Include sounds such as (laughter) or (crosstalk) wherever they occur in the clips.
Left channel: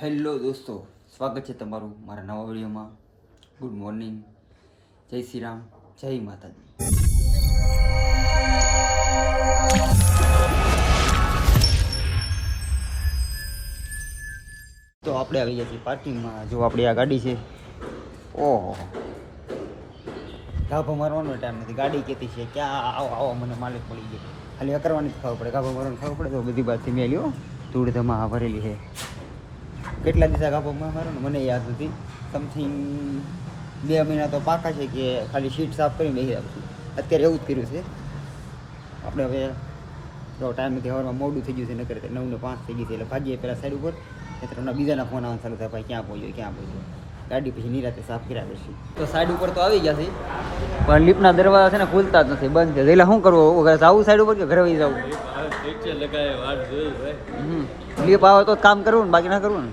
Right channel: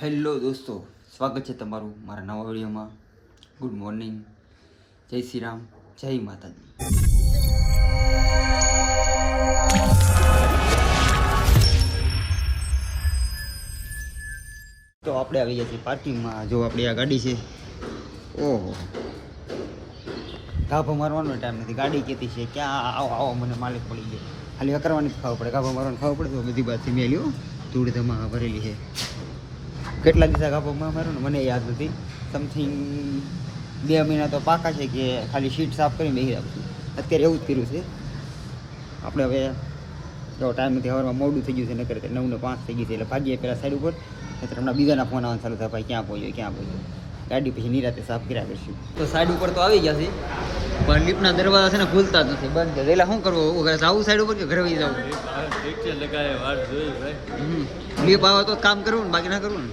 Hello દોસ્તો, સ્વાગત છે તમારું મારા નવા વિડીયોમાં. ગુડ મોર્નિંગ જય શ્રી રામ, જય માતાજી. તો આપણે આવી ગયા છીએ પાર્કિંગમાં. જો આપણી આ ગાડી છે. ઓહો. ગાભો મારવાનો ટાઈમ નથી. ગાડી કહેતી છે ક્યાં આવો આવો, મને માલિક પડી ગયો. ખાલી કરવાની જ ખાવ પડે. ગાભો મારવાનું ખાવ પડે તો બધી બાદ મેં લ્યો ધૂળ ધમા ભરેલી છે. કેટલા દિવસ કાપવામાં મારું ને? મને યાદ નથી. સમથિંગ બે મહિના તો પાકા છે કે ખાલી શીટ સાફ કરીને બેસી રાખશું અત્યારે એવું જ કર્યું છે. આપણે હવે જો ટાઈમ નથી હવારમાં મોડું થઈ ગયું છે નકર નવ ને પાંચ થઈ ગઈ છે એટલે ભાગીએ પહેલાં સાઈડ ઉપર. નહીતર હમણાં બીજાના ફોન આવવાનું ચાલુ થાય ભાઈ ક્યાં પહોંચ્યો ક્યાં પહોંચ્યો? ગાડી પછી નિરાતે સાફ કર્યા કરશું. તો સાઈડ ઉપર તો આવી ગયા છે પણ લિફ્ટના દરવાજા છે ને ખુલતા જ નથી બંધ છે. એટલે શું કરવું? ઘરે જવું સાઈડ ઉપર કે ઘરે વહી જવું લિફ્ટ આવે તો કામ કરવું ને બાકી ના કરવું ને.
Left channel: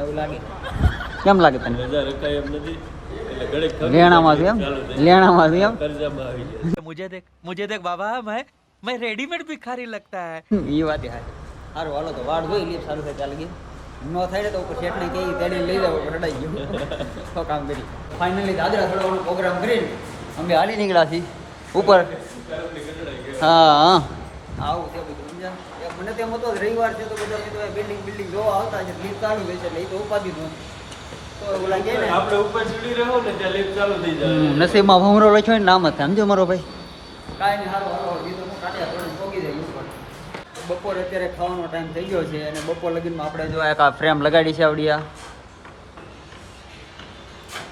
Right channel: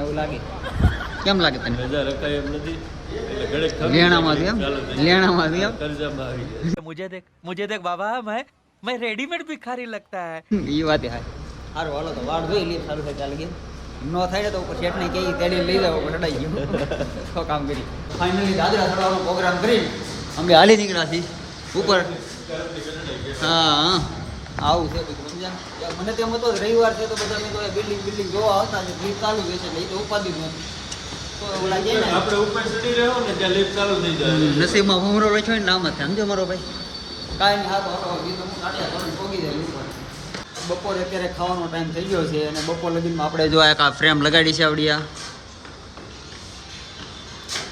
એવું લાગે. કેમ લાગે તને? (laughs) મુજે દેખ બાબા મેં મેં રેડીમેડ ભિખારી લગતા હે. એ વાત હા. સારું હાલો તો વાળ જોઈ લીપ સારું થાય ચાલ ગઈ નો થાય તો ઉપર શેઠને કે તેડી લઈ જાવ રડાઈ ગયું. (laughs) તો કામ કરી. ફાઇનલી દાદરા ચડવાનો પ્રોગ્રામ કરી અમે હાલી નીકળ્યા છીએ. ઉપર. હા. હા આવું છે બધું. મને તેમ હતો રવિવાર છે તો બધા મિત્રો બિલ્ડિંગ બિલ્ડિંગ જોવા આવતા છે લીફ ચાલુ થઈ છે એટલે એ તો ઉપાધિ નહોતી. તો એવું લાગે ને આપણે ઉપર ચડી રહ્યો ને ત્યાં lift ચાલુ થઈ જાય. હમ, નસીબમાં ભમરો લખ્યો ને નામ જ સમજો મારો ભાઈ. તો બપોરે અત્યારે ખાવાનો ટાઈમ થઈ ગયો છે અને બપોર લગીનમાં આપણે જો એક આ ફ્રેમ લગાડી છે આવડી આ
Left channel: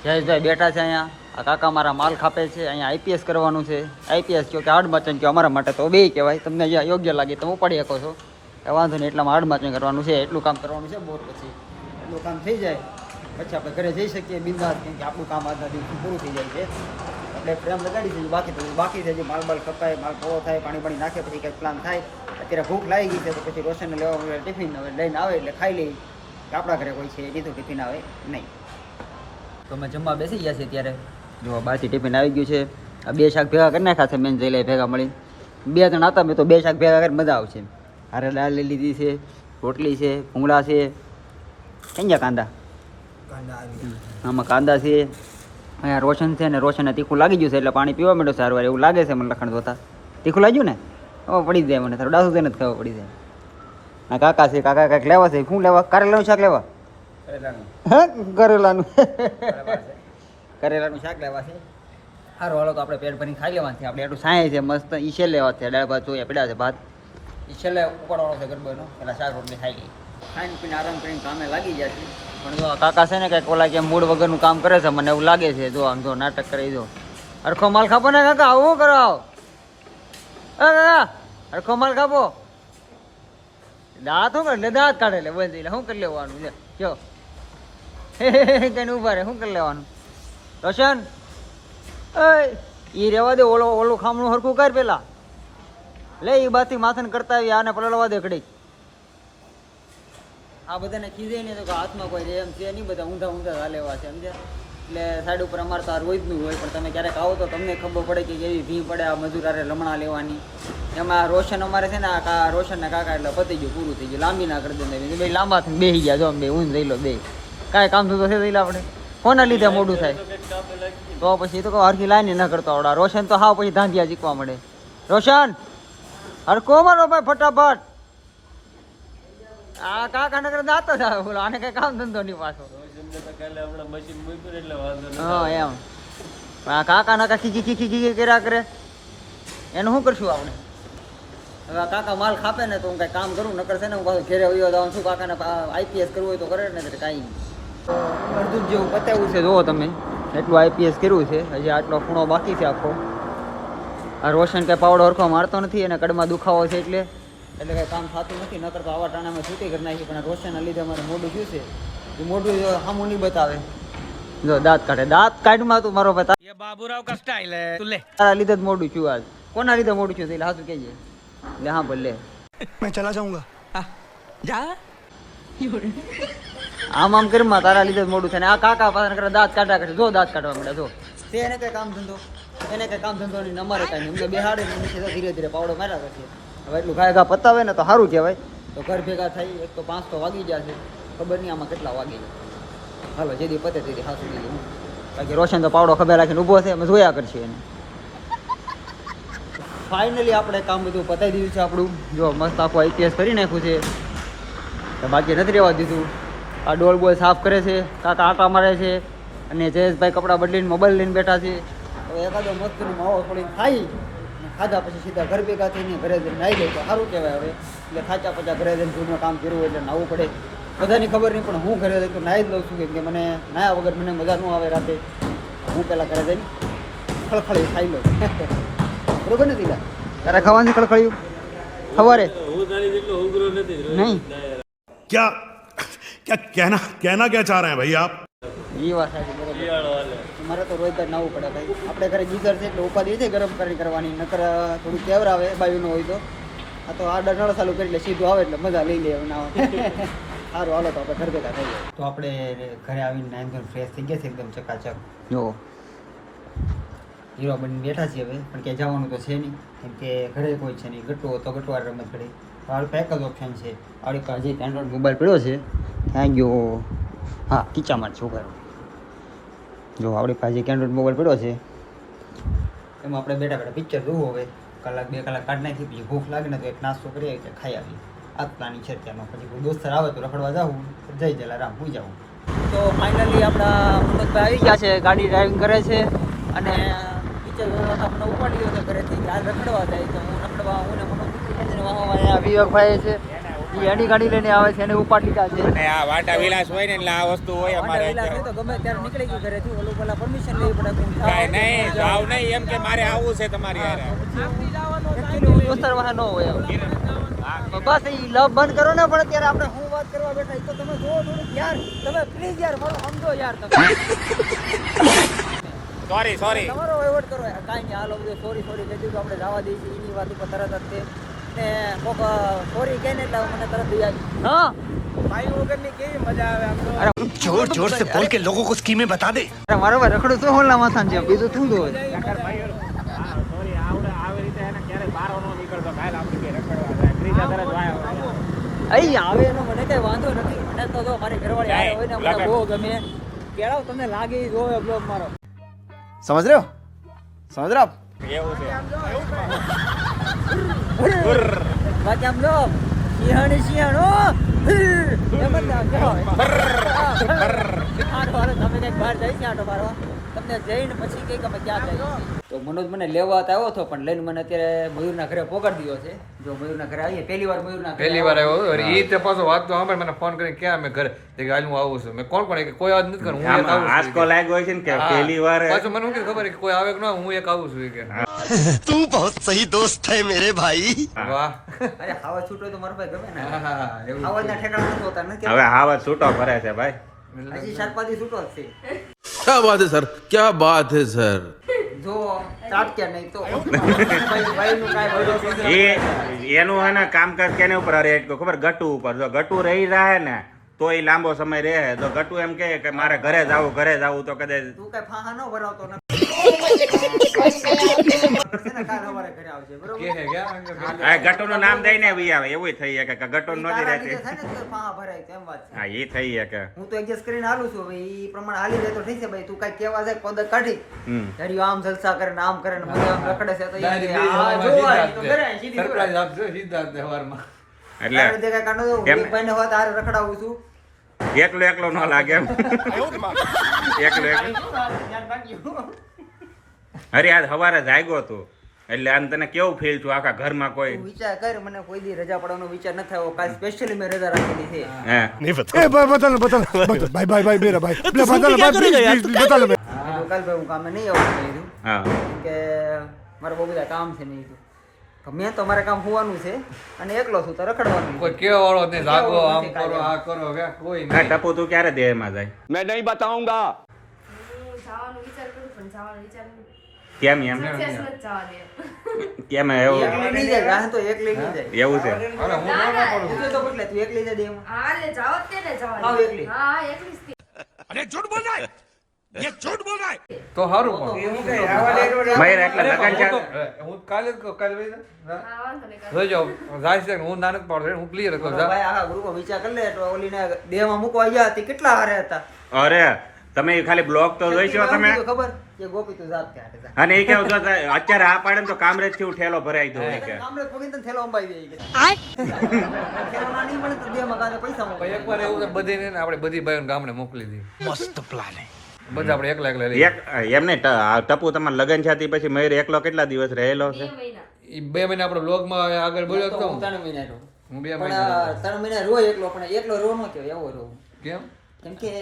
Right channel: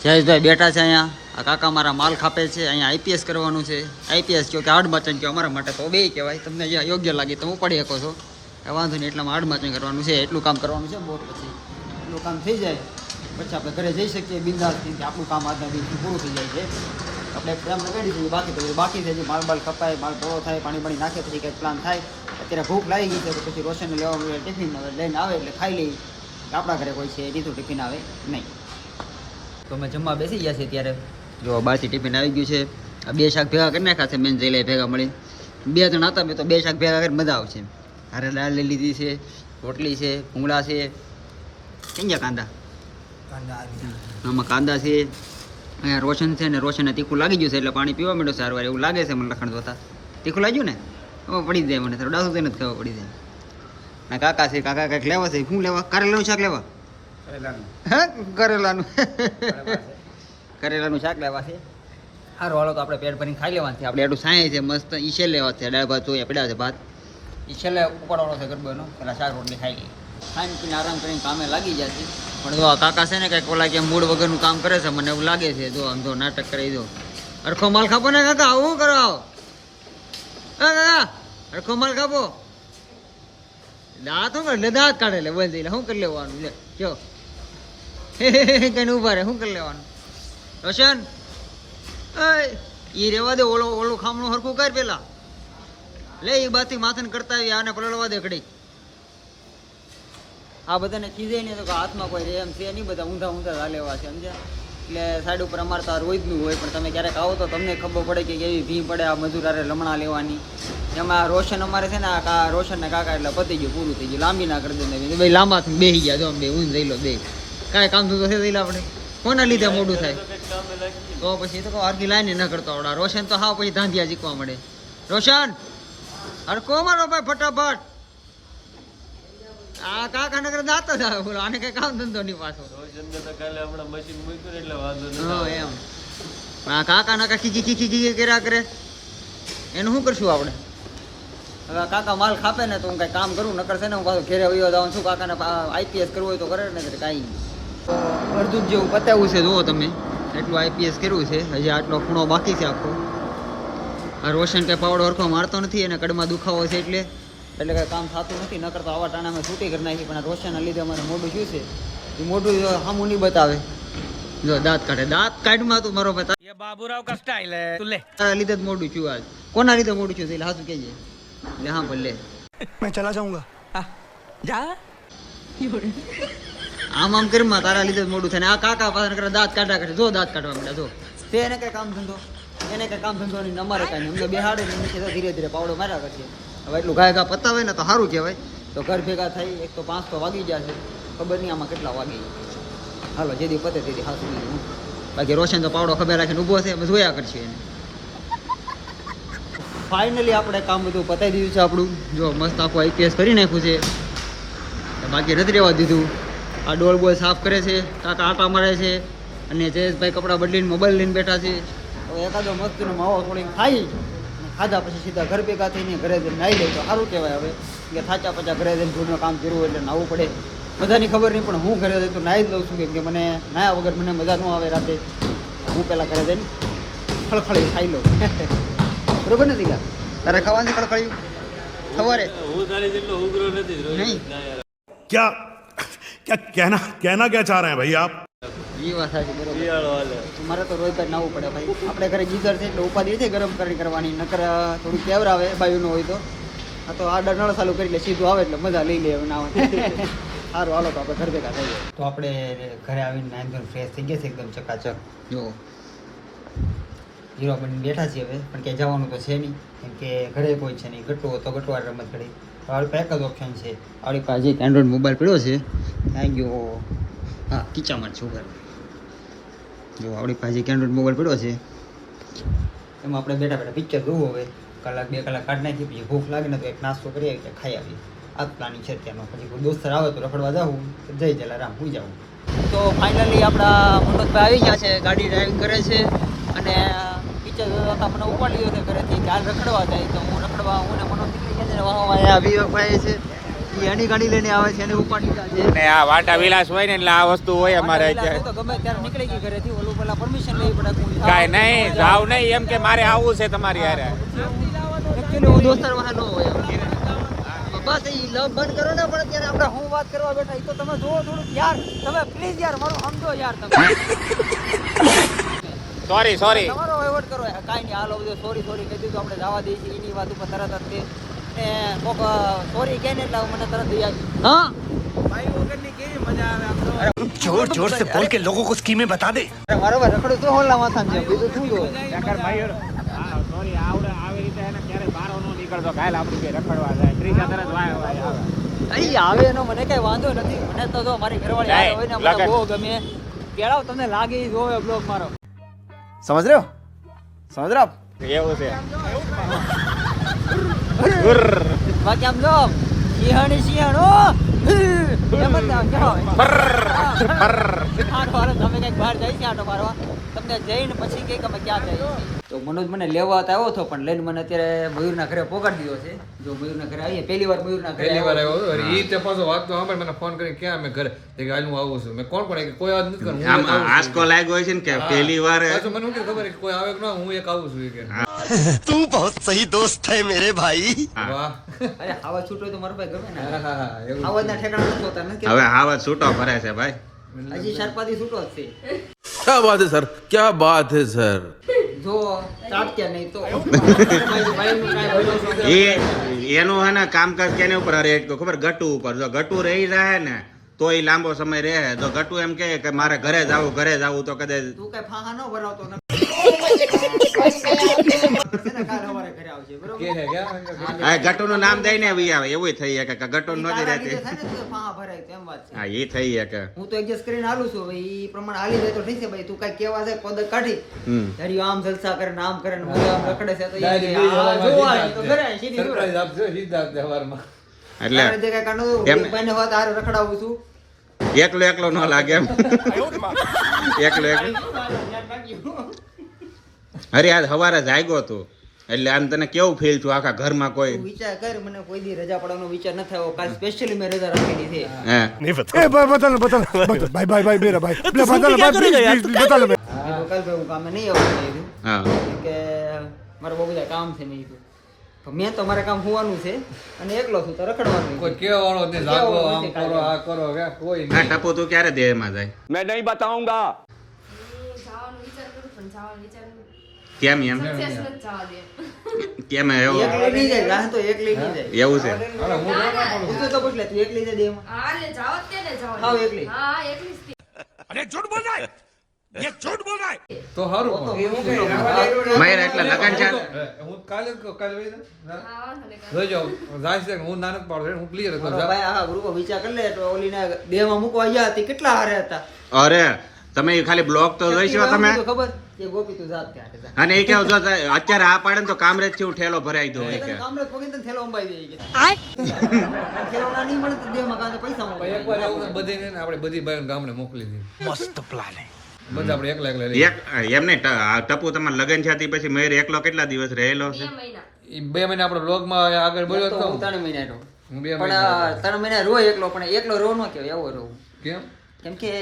જયેશભાઈ બેઠા છે અહીંયા. આ કાકા મારા માલ ખાપે છે, અહીંયા આઈપીએસ કરવાનું છે. આઈપીએસ કહો કે હાર્ડ માચન કહો અમારા માટે તો બે કહેવાય. તમને જે યોગ્ય લાગે તમે ઉપાડી શકો છો. એ વાંધો નહીં, એટલામાં હાર્ડ માચન કરવાનું છે, એટલું કામ કરવાનું છે બોર પછી. એટલું કામ થઈ જાય, પછી આપણે ઘરે જઈ શકીએ બિંદાસ, કેમ કે આપણું કામ આજના દિવસથી પૂરું થઈ જાય છે. આપણે ફ્રેમ લગાડી દઈએ, બાકી પછી બાકી થઈ જાય માલ બાલ કપાય, માલ પૂરો થાય, પાણી પાણી નાખે, પછી કંઈક પ્લાન થાય. અત્યારે ભૂખ લાગી ગઈ છે, તો પછી રોશનને લેવા ટિફિન હવે લઈને આવે એટલે ખાઈ લઈ આપણા ઘરે કોઈ છે, એ રીતું ટિફિન આવે નહીં. તો અમે જમવા બેસી ગયા છે ત્યારે જો બહારથી ટિફિન આવી ગયું છે. આ બે શાક ભેગા કરી નાખ્યા છે મેન જઈ લે ભેગા મળી. બે જણ હતા મેં તો બે શાક ભેગા કરી મજા આવશે. હારે દાળ લઈ લીધી છે રોટલી છે ભૂંગળા છે. કેમ ગયા કાંદા? આમાં કાંદા છે અહીંયા રોશન છે ને રોશનને તીખું લાગી ગયું છે એટલે પાણી પીવા માંડ્યો સારું એવું લાગે છે મને લખણ જોતા. તીખું લાગ્યું ને? હવે પડી જાય મને થોડું ડાસું તેને જ ખબર પડી જાય. ના કાકા છે કાકા કાંઈક લેવા છે શું લેવા? કારેલાનું શાક લેવા? હા કરેલાનું. કરેલાનું શાક લેવા છે. સારું હાલો તો આપણે પેટ ભરીને ખાઈ લેવાનું છે આપણે એટલું સાંય છે, મસ્ત ઈશે લેવા છે. દાળ, ભાત જોઈએ પડ્યા છે, ભાત. ઈશેલે ઉપાડવાનો છે ગરબાનો. પેલા શાક રોટલી ખાઈ લઈ ખાઈને પીને આરામ કરીને કામે લાગી ગયા છે પણ જો કાકા છે ને કંઈક ઓલા કે મૂળ વગરનું કામ કરે છે, મને એવું લાગે છે. જો આમ જો નાટક કરી દો. અરખો માલ ખાપો ને કાકા, આવું કરો આવો? કાકા અરખો માલ ખાપો. દાંત શું કરે? દાંત કાઢે લે, બોલ એટલે શું કરી લેવાનું? લે કયો કઈ ઊભા રહે, શું કરી લેવાનું? રોશન? એ રેવા દે, ઓલો ઓલું ખામણું હરખું કર પેલા. લે એ બાથી માથન કરતા આવી, આને પલળવા દે ઘડી આ બધાને ખીજે નહીં તો હાથમાં કોઈ રેમ છે નહીં, બધા ઊંધા ઊંધા ચાલેવા છે, સમજ્યા? એટલે સાઈડ ઉપર અમારે તો રોજનું હોય, પણ તમે ક્યારેક આવો તો તમને ખબર પડે કે કેવી ભી પડે આ મજૂરારે લમણા લેવાની. એમાં રોશન અમારે છે ને, આ રોશનના રોશન ના કાકા એટલે પતી ગયું, પૂરું થઈ ગયું, લાંબી ના કરી દે બે લાંબા થઈને બેસી ગયા, જો બે, ઊંધ રહી લો બે. કાંઈ કામ થતું છે આપણે. કોના લીધે મોડું થાય? તો પછી તો હરખી લાઈન ન કરતો આવડા. રોશન તો હાવ પછી ધાંધિયા જીકવા મળે. રોશન! હરખો મારો ભાઈ, ફટાફટ! આ કાકા નગર દાતો જ આવે, બોલો. આને કઈ કામ ધંધો નહીં પાછો. એટલે વાંધો હા, એમ. આ કાકા નાકા ખીખી ખીખી ખીખી કર્યા કરે. એનું શું કરશું આપણે? હવે કાકા માલ ખાપે ને તો હું કઈ કામ કરું, નકર છે ને હું પાછું ઘેરે વયો જવાનું શું કાકાને આઈપીએસ કરવું હોય તો કરે ને કાંઈ અડધું જેવું પતાવ્યું છે, જુઓ તમે. એટલું આઈપીએસ કર્યું છે. હજી આટલો ખૂણો બાકી છે આખો. આ રોશન કાંઈ પાવડો હરખો મારતો નથી અને કડમાં દુખાવો છે એટલે. એટલે કાંઈ કામ થતું નથી ન કરતા આવા ટાણામાં છૂટી કરી નાખી. પણ રોશનના લીધે અમારે મોઢું શું છે? એ મોઢું સામું નહીં બતાવે. જો દાંત કાઢે. દાંત કાઢમાં તું મારો બતા એ બાબુરાવ કા તું લે. તારા લીધે જ મોઢું છું આજ. કોના લીધે મોઢું છું? એટલે હાસું કહેજે. લે હા ભલે મેં ચલા જાઉંગા. જા. (laughs) આમ આમ ઘરમાં તારા લીધે મોઢું થાય ને આ કાકા પાસે કરે દાંત કાઢા કરે જો દાંત કાઢવા મળ્યા જો. તે એને કઈ કામ ધંધો, એને કઈ કામ ધંધો નહીં અમારે કાંઈ અમને બેહાડે નીચે ધીરે ધીરે પાવડો માર્યા કરશે હવે એટલું ઘા ઘા પતાવે ને તો સારું કહેવાય. તો ઘર ભેગા થઈ એક તો પાંચ તો વાગી ગયા છે. ખબર નહીં આમાં કેટલા વાગી જાય હાલો જેદી પતે તેથી હાસું દીધું હું. બાકી રોશન તો પાવડો ખબર રાખીને ઊભો છે, અમે જોયા કરશું એને. ફાઇનલી આપણે કામ બધું પતાવી દીધું છે આપણું. જો, મસ્ત આખું આઈપીએસ કરી નાખ્યું છે. બાકી નથી રહેવા દીધું. આ ડોલ બોલ સાફ કરે છે કાકા આટા મારે છે અને જયેશભાઈ કપડાં બદલીને મોબાઈલ લઈને બેઠા છે. હવે એકાદો મસ્તીનો માવો થોડીને ખાઈ અને ખાધા પછી સીધા ઘર ભેગા થઈને ઘરે જઈને નાહી લઈ તો સારું કહેવાય હવે. કે થાચા પચા ઘરે જઈને જૂનું કામ કર્યું એટલે નાહવું પડે. બધાની ખબર નહીં પણ હું ઘરે જઈ તો નાહી જ લઉં છું કેમ કે મને નાહ્યા વગર મને મજા ન આવે રાતે. હું પહેલાં ઘરે જઈને ખળખળી ખાઈ લઉં. (laughs) બરોબર ને દીલા તારે ખાવાની ખળખળ્યું? સવારે? હું તારી જેટલો ઉગ્ર નથી નહીં. ના યાર. क्या क्या कहना कहना क्या चाह रहे हैं भाई आप એ વાત સાચી બરોબર શિયાળો હાલે. મારે તો રોજ નાવું પડે ભાઈ આપણે ઘરે ગીઝર છે એટલે ઉપાધિ છે ગરમ કરી કરવાની નકર થોડું કેવર આવે બાયુનો હોય તો આ તો આડા નળ ચાલુ કરી એટલે સીધું આવે એટલે મજા લઈ લે નાવા (laughs) સારું હાલો તો આપણે ઘર ભેગા થઈ જાય તો આપણે ઘરે આવીને નાઈન ધોઈને ફ્રેશ થઈ ગયા છે એકદમ ચકાચક જો હીરો બની બેઠા છીએ હવે પણ ક્યાંય જવાનું તો છે નહીં કેમ કે ઘરે કોઈ છે નહીં ગટો તો ગટવાર રમત ઘડી તો આપણી પાસે એક જ ઓપ્શન છે આપણી પાસે એક એન્ડ્રોઈડ મોબાઈલ પડ્યો છે ત્યાં ગયો હા કિચામાં છોકરો. જો, આપણી પાસે કેન્ડ્રોઇડ મોબાઈલ પડ્યો છે. એમાં આપણે બેઠા બેઠા પિક્ચર જોવું હવે. કલાક, બે કલાક કાઢી નાખી પછી ભૂખ લાગે ને તો એક નાસ્તો કરી આવી ખાઈ આવી આ પ્લાનિંગ છે ત્યાંનો પછી દોસ્તર આવે તો રખડવા જાવું જઈ જલારામ હું જાઉં. તો ફાઇનલી આપણા મનોજભાઈ આવી ગયા છે, ગાડી ડ્રાઇવિંગ કરે છે. અને પિક્ચર જોતા મને ઉપાડી ગયો ઘરેથી કાલ રખડવા જાય તો હું રખડવા, હું ને મનોજ નીકળી ગયા વિવેકભાઈ છે. એની ગાડી લઈને આવે છે અને ઉપાડી છે. ને આ વાટા વિલાસ હોય ને એટલે આ વસ્તુ હોય અમારે તો ગમે ત્યારે નીકળી ગઈ ઘરેથી ઓલું પેલા પરમિશન લેવી પડે કાંઈ નહીં જાવ નહીં એમ કે મારે આવવું છે તમારી હા, એક્ચ્યુઅલી તો પછી હું- actually હું ન હોય બસ એ લવ બંધ કરો ને પણ અત્યારે આપણે હું વાત કરવા બેઠા એ તો તમે જોવો થોડુંક યાર તમે પ્લીઝ યાર મારું સમજો યાર તમે. સોરી સોરી તમારો વહીવટ કરો. યાર. કાંઈ નહીં હાલો બધું સોરી સોરી કહી દીધું. આપણે જવા દઈએ છીએ એની વાત ઉપર તરત જ ને કોક સોરી કહે ને એટલે મને તરત યાદ હા जोर जोर से बोल के लोगों को स्कीमें बता दे મારા રખડું તો હોલના વાસણ છે સોરી આવડે આવી રીતે એને ક્યારે બારો નો નીકળતો કાલે આપણે બે રખડવા જાય ત્રીજા તરત વાય વાય આવે અહીં આવે એનો મને કઈ વાંધો નથી મને તો જો મારી ઘરવાળી જાય, હારે હોય ને મને લગન. બહુ ગમે કેળાવ તમને લાગે ઈ જોવે બ્લોગ મારો समझ रहे हो समझ रहे Và nhầm તો મનોજ મને લેવા આવ્યો હતો પણ લઈને મને અત્યારે મયુરના ઘરે પોગાડી દીધો છે જો મયુરના ઘરે આવીએ પહેલી વાર મયુર ના પહેલી વાર આવ્યો એ તે પાછો વાત તો સાંભળે મને ફોન કરીને ક્યાં અમે ઘરે કે આજ આવું છું મેં કોણ કોણ કે કોઈ વાત નથી કરું આમ આસકો લાગ્યો છે ને કે પહેલી વાર પાછું મને કે ખબર કે કોઈ આવે કે ના હું એક આવું છું કે (laughs) તું બહુ સહી દોસ્ત है મેરે ભાઈ. અરે હાવા છૂટો તો મારો ભાઈ ગમે ને. હાવાના ઠેકાણા નથી હોતા ને હવે હાવા છૂટો ફરે છે ભાઈ. હજી સરપાદી છૂટો જ છે. क्या बात है सर क्या बात है सर જો ચાટક્યા નહીં તો. (laughs) ભાઈ ભાઈનું કાંઈ ભરોસો નહીં. એ એનું હે ને કામકાજ કેને ઉપર રેટ એટલું ખબર ગટુ ઉપર. જો ગટુ રહી રહે ને તો એ લાંબો સમય રહે. તો ગટુ એમ કહે કે મારે ઘરે જવું ઘરે જાવું તો કદાચ તું કઈ ફાહા ન બનાવતો નથી છે ને કાલ અમારે ઘરે આવજે બરોબર? આ ગટુ નું નામ દઈને વી આવે. એવું થઈ શકે કે ગટુ ઈ નથી રહેતી લીધે થાય ને તો ફાહા ભરાય તો એમ વાત છે. હા એ થઈ શકે. હું તો એડજસ્ટ કરીને હાલું છું. હવે ઈ પ્રમાણે હાલી જાય તો ઠીક છે ભાઈ. તું કઈ કેવા જાય પદ કાઢી. આમ જલસા કરે ને આમ કરે ને મજા આમ રખડે છે તો આ જો સીધી. આપજો. એટલે જે એમને- હોત રખડાવું છું. એકલો એકલો ન લાગે એમ. એકલો એકલો. અરે આજ સવારે જાગ્યો તું એટલે આમ તને કેવું ફીલ થયું? આખા ઘરમાં કોઈ? વિચાર કર મને કોઈ દી રજા પડવાનો વિચાર ન થયો કાલ સ્પેશિયલી મેં રજા રાખેલી છે. હે. નહીં બતા એ ભાઈ બતાલ બતાલ ભાઈ ભાઈ ભાઈ મેરા ભાઈ. એટલે બતાલ ભાઈ બતાલ કાલ ભાઈ. હું કામ નહીં આવું કીધું. હા. કે મારે બહુ બધા કામ છે નહીં કીધું. મેં તો મારે કામ હોવાનું છે અને એકલો છું તો રખડવાનું કોઈ કેવા વાળો ને જાગો આમ કરો આ કરો કે કોઈ ના ટપો તું ક્યારે દે માં જાય? મેં નહીં બતાઉંગા જવાનું વિચાર કરું પણ જવાનું વિચાર કેમ એમ? કેમ એવું? એવું છે. જ તે. अरे झूठ बोल रहा है તો સારું પણ મયુર એટલે લગન છે હે, હું કાલે જ કહું કાલે વહી જા. હા વાંધો નહીં કાંઈ. જોઈ જાઓ જાય છે હું નાનક પાડું હું ક્લિયર કહું જા ભાઈ આખા ગ્રુપમાં વિચાર કરી લે તો ઓલીને દેહમાં મૂકવા ગયા હતી કેટલા હારે હતા અરે તમે ખાલી બ્લોક તો જોઈશો તમે એમ કીધું ખબર કે ગોપી તું જાત ત્યાં હાટે જા. અને એ કેવું જો અત્યારે આ પાડે ને તો કામરેજ થી હું ઠેલો ભરાઈ દઉં એ કે ગામડે પગીને તને થેલો અંબાઈ દે કે થેલો નહીં મળે તો દેહમાં કાંઈ પૈસા મળે એકવાર એવું બધીને ને આપણે બધી ભાઈઓને ગામડે મોકલી દીધી મસ્ત પ્લાન બધા આપણે એકલા એકલા એક એમ નહીં ટપુ તમારે લગન છે પછી મયુર એકલો કેટલા દિવસ રહેલો છે? બે મહિના. ઈ બે મહિના આપણે બ્લોગમાં આગળ બોલ્યો તો તો ત્રણ મહિના રહું. પણ ત્રણ મહિના રો એકલો પણ એકલો રો ન કહેવાય એવો રહું કેમ? કેમ કે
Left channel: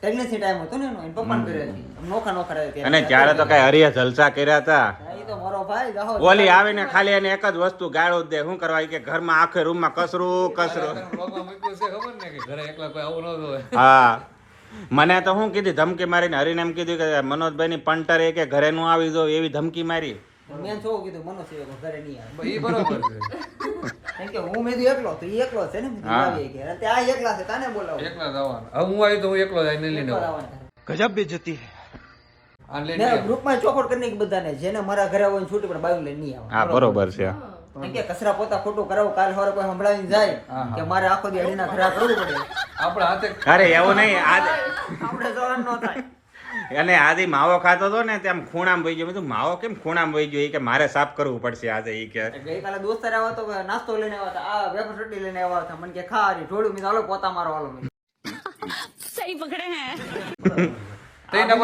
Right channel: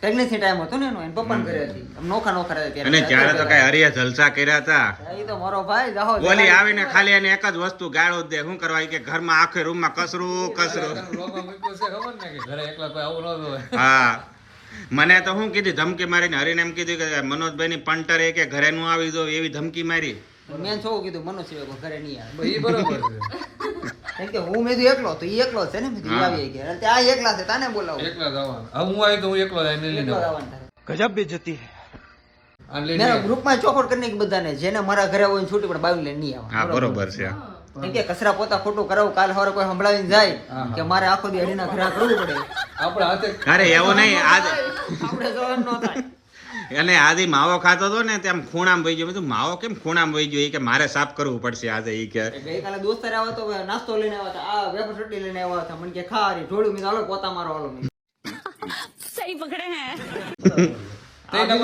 પ્રેગ્નન્સી ટાઈમ હતો ને એનો એના પપ્પા ઘરે હતી. નોખા નોખા રહે અને જ્યારે તો કઈ હરિયા જલસા કર્યા હતા. એ તો મારો ભાઈ જાહો ઓલી આવીને ખાલી એને એક જ વસ્તુ ગાળો જ દે. શું કરવા? કે કે ઘરમાં આખે રૂમમાં કસરું કસરું. (laughs) ખબર ને કે ઘરે એકલા કોઈ આવું ન હોય. હા. મને તો શું કીધી? ધમકી મારીને હરીને એમ કીધું કે મનોજભાઈની પંટર એ ઘરે નું આવી દો એવી ધમકી મારી. મેં શું કીધું? મનોજ સિવાય ઘરે નહીં આવે. હું મેં એકલો તો એ એકલો છે ને? આ એકલા છે તાને બોલાવું. હું આવી તો હું એકલો લઈને ગજબ બેજતી મેરા ગ્રુપમાં ચોખવટ કરીને બધાને જેને મારા ઘરે હોય છૂટી પણ બાવી લઈને નહીં આવે હા બરોબર છે. કે કચરા પોતા ખોટું કરાવું કાલ સવારે કોઈ સંભળાવીને જાય કે મારે આખો દી અડીના ખરા કરવું પડે. અરે એવું નહીં. આજ આપણે જવાનું ન થાય. અને આજે માવો ખાતો હતો ને તેમ ખૂણામાં વહી ગયો. બધું માવો કેમ ખૂણામાં વહી ગયો? એ કે મારે સાફ કરવું પડશે આજે. એ કે ગઈકાલે દોસ્તાર આવ્યા તો નાસ્તો લઈને આવ્યા હતા. આ વેફર ચટણી લઈને આવ્યા હતા. મને કે ખા ઢોળું. મેં ચાલો પોતા મારો હાલો. (laughs) સહી પકડે એના (laughs) ને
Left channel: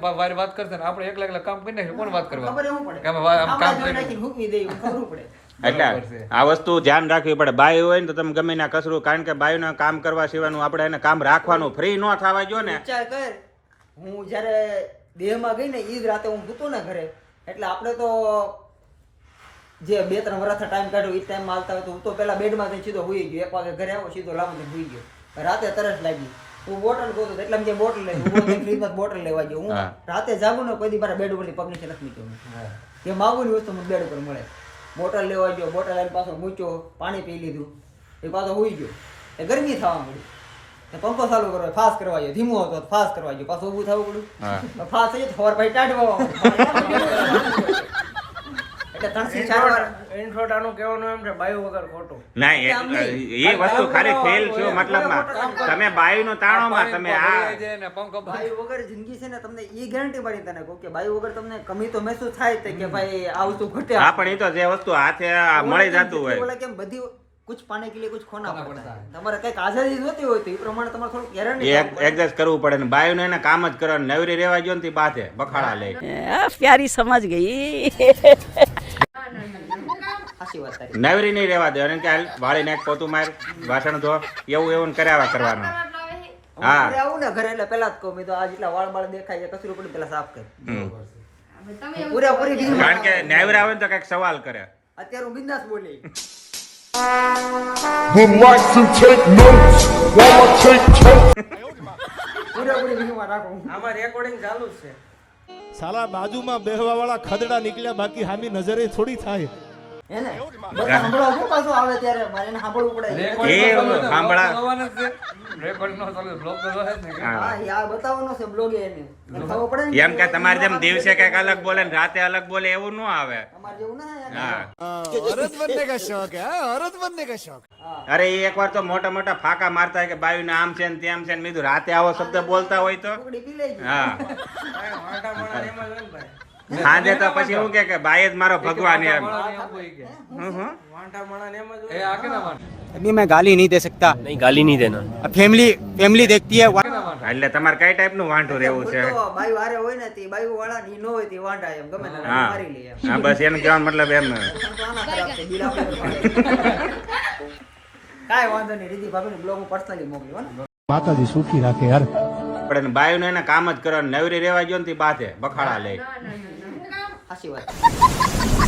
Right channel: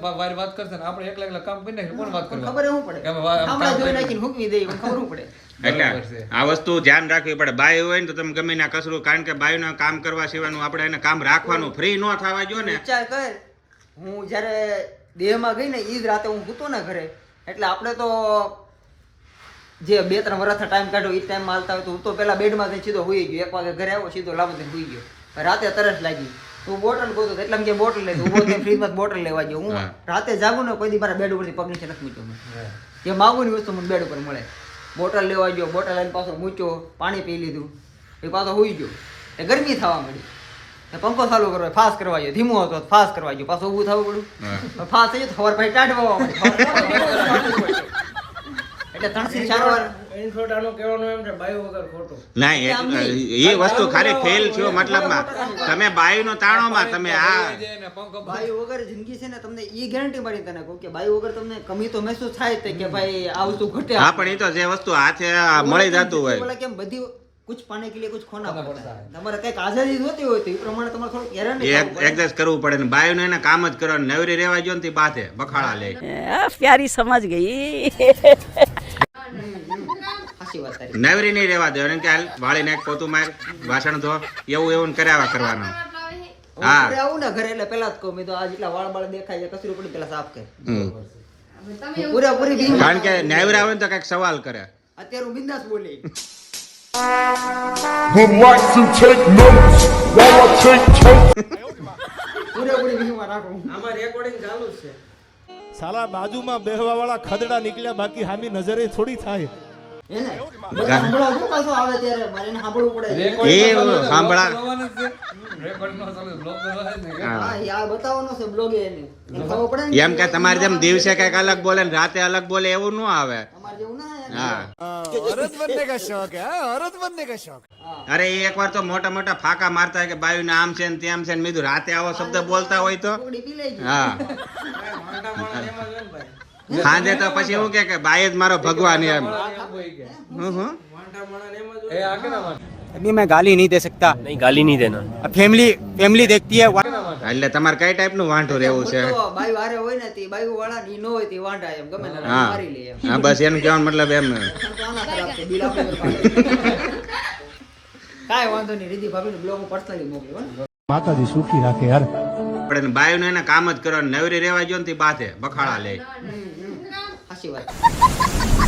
વારી વાત કરશે ને આપણે એકલા એકલા કામ કરી નાખીએ કોણ વાત કરવા? ખબર શું પડે. કે અમે વા- આમ કામ કરી નાખીને હૂકવી દઈએ ખબર શું પડે. (laughs) એટલે આ વસ્તુ ધ્યાન રાખવી પડે. બાઈ હોય ને તો તમે ગમે ના કસરું કારણ કે બાયુને કામ કરવા સિવાયનું આપણે એને કામ રાખવાનું ફ્રી ન થવા જો ને. વિચાર કર. હું જ્યારે દેહમાં ગઈ ને એ જ રાતે હું સૂતો ને ઘરે. એટલે આપણે તો જે બે ત્રણ વર્ષ ટાઈમ કાઢ્યો એ ટાઈમ હાલતા હોય તો હું તો પેલા બેડમાં જઈને સીધો હોઈ ગયો. એક વાગે ઘરે આવો સીધો લાવો હોઈ ગયો. રાતે તરસ લાગી. હું બોટલ ગોતો એટલે કે બોટલ લે ઊભો થઈને ફ્રીજમાં બોટલ લેવા ગયો. હું રાતે જાગું ને કોઈ દી મારા બેડ ઉપરથી પગ નીચે નથી મૂક્યો જે માગું ની વસ્તુ મને બેડ ઉપર મળે. બોટલ લેવા ગયો બોટલ લઈને પાછો મૂક્યો પાણી પી લીધું. એ પાછો હોઈ ગયો. એ ગરમી થવા મળી એ પંખો ચાલુ કરવો ફાસ કરવા ગયો. ધીમો હતો ફાસ્ટ કરવા ગયો. પાછું ઊભું થવું પડ્યું. ફાસ્ટ થઈ ગયો ખબર પછી ટાઢવા મળી કમી તો મહેસૂસ થાય કે ભાઈ તો જે વસ્તુ હાથે મળી જતું હોય. કેમ બધી કુછ પાને કે લીએ કુછ ખોના પડતા તમારે કંઈક આઝાદી જોતી હોય તો એ પ્રમાણે તમારે થોડું ગેરંટી એડજસ્ટ કરવું પડે. ને બાયુ ને કામ જ કરવાનું નવરી રહેવા જો ને તે બાથે બખાડા લે પ્યારી સમજ ગઈ. નવરી નહીં રેવા દે. અને કે હાલ વાળી નાખ પોતું માર વાસણ ધો. એવું એવું કર્યા કરવાનું. હા. આવું ને ઘરે એટલે પેલા જ કહું મેં તો આ જેટલા વાળ બાળ દેખાય છે કચરું પડી પેલા સાફ કર. પૂરેપૂરી કારણ કે નેવર આવે ને તો કંઈક સવાલ કરે. અત્યારે હું બિંદાસ બોલી. Would like to take notes while I take notes. પૂરેપૂરી બીજું રાખું. આમાં રેકોર્ડિંગ ચાલુ જ છે. સાલા બાજુમાં બેહવા વાળા ખદડા નીકળ્યા બાકી હામી નજરે થોડી થાય. એમ કે તમારે જેમ દિવસે કંઈક અલગ બોલે ને રાતે અલગ બોલે એવું ન આવે. અરે એક વાર તો મોટા મોટા ફાકા મારતા કે બાયુ ને આમ છે ને તેમ છે ને મીધું રાતે આવો શબ્દ બોલતા હોય તો? હા. મોટા માણસ એમ જ હોય ને ભાઈ સાંજે તો પછી એવું કે કે બાઈ જ મારો ભગવાન એમ હું હું મોટા માણસ એમ જ એ હોય આ કે ના? अभी मैं गाली नहीं दे सकता नहीं गाली नहीं देना फैमिली फैमिली देखती है એટલે તમારે કઈ ટાઈપ નું વાંઢું રહેવું છે તો બાયું હારે હોય ને તે બાયું વાળા ની ન હોય તે વાંઢા એમ ગમે ને હા મારી લે એમ હા બસ એનું કહેવાનો મતલબ એમ પણ તો આના ખરાબ છે બિલ આપણી ઉપર પાડે. કાંઈ વાંધો નહીં રીધિ ભાભીને બ્લોગ હું પર્સનલી મોકલ્યો ને માતાજી સુખી રાખે યાર પડે ને બાયું એને કામ જ કરવાનું નવરી રેવા જો ને તે બાથે બખાડા લે સાચી વાત